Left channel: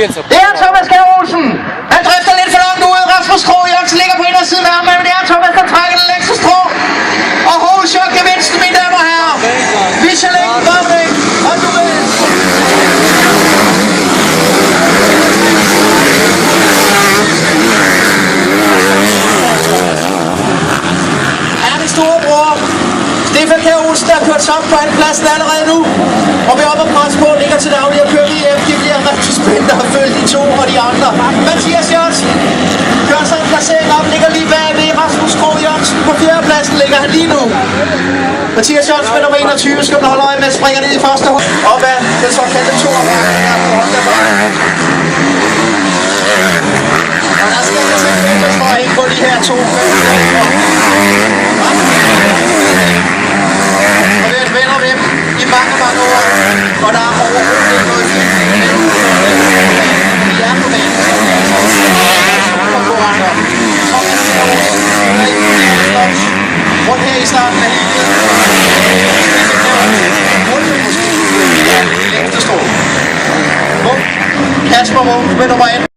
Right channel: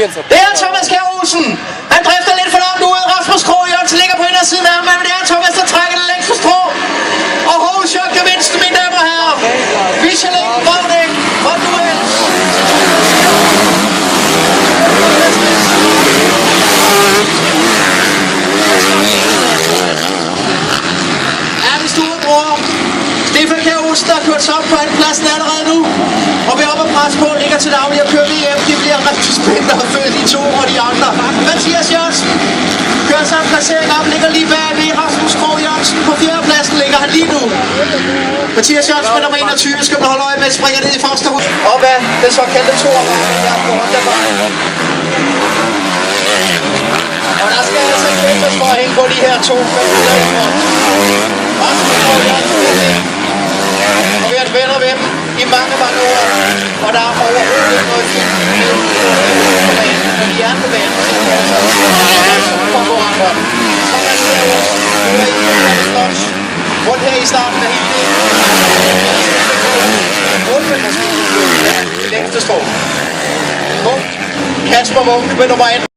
Det er Thomas Kjær Olsen. Han drifter lidt for langt ud. Rasmus Krog Jørgensen ligger på indersiden af ham, men det er Thomas, der trækker det længste strå. Og hovedchok gevinst, mine damer og herrer. Michelin Gravdæk og duel. Er min storebror Stefan Kjær Olsen, der har kørt sig op på andenpladsen allerede nu. Og vi er oppe og presse på, ligger til daglig og kører VM. Det bliver rigtig spændende at følge de to og de andre. Mathias Jørgensen gør sig en placering op, ligger lige bagved. Rasmus Krog Jørgensen på 4. pladsen ligger han lige nu. Mathias Jørgensen med nummer 21 skal man holde øje med, springer ned i første hul. Og hvad det så kendte to af og der skal altså fokus for at hænge på de her to. Og vi har et venner med dem i mange år, og der er overhovedet ikke noget fint. Men de er på banen, så det er konkurrenter. Rundt her i starten af hele. Måske det længste strå. Kasper Munk med nummer 1.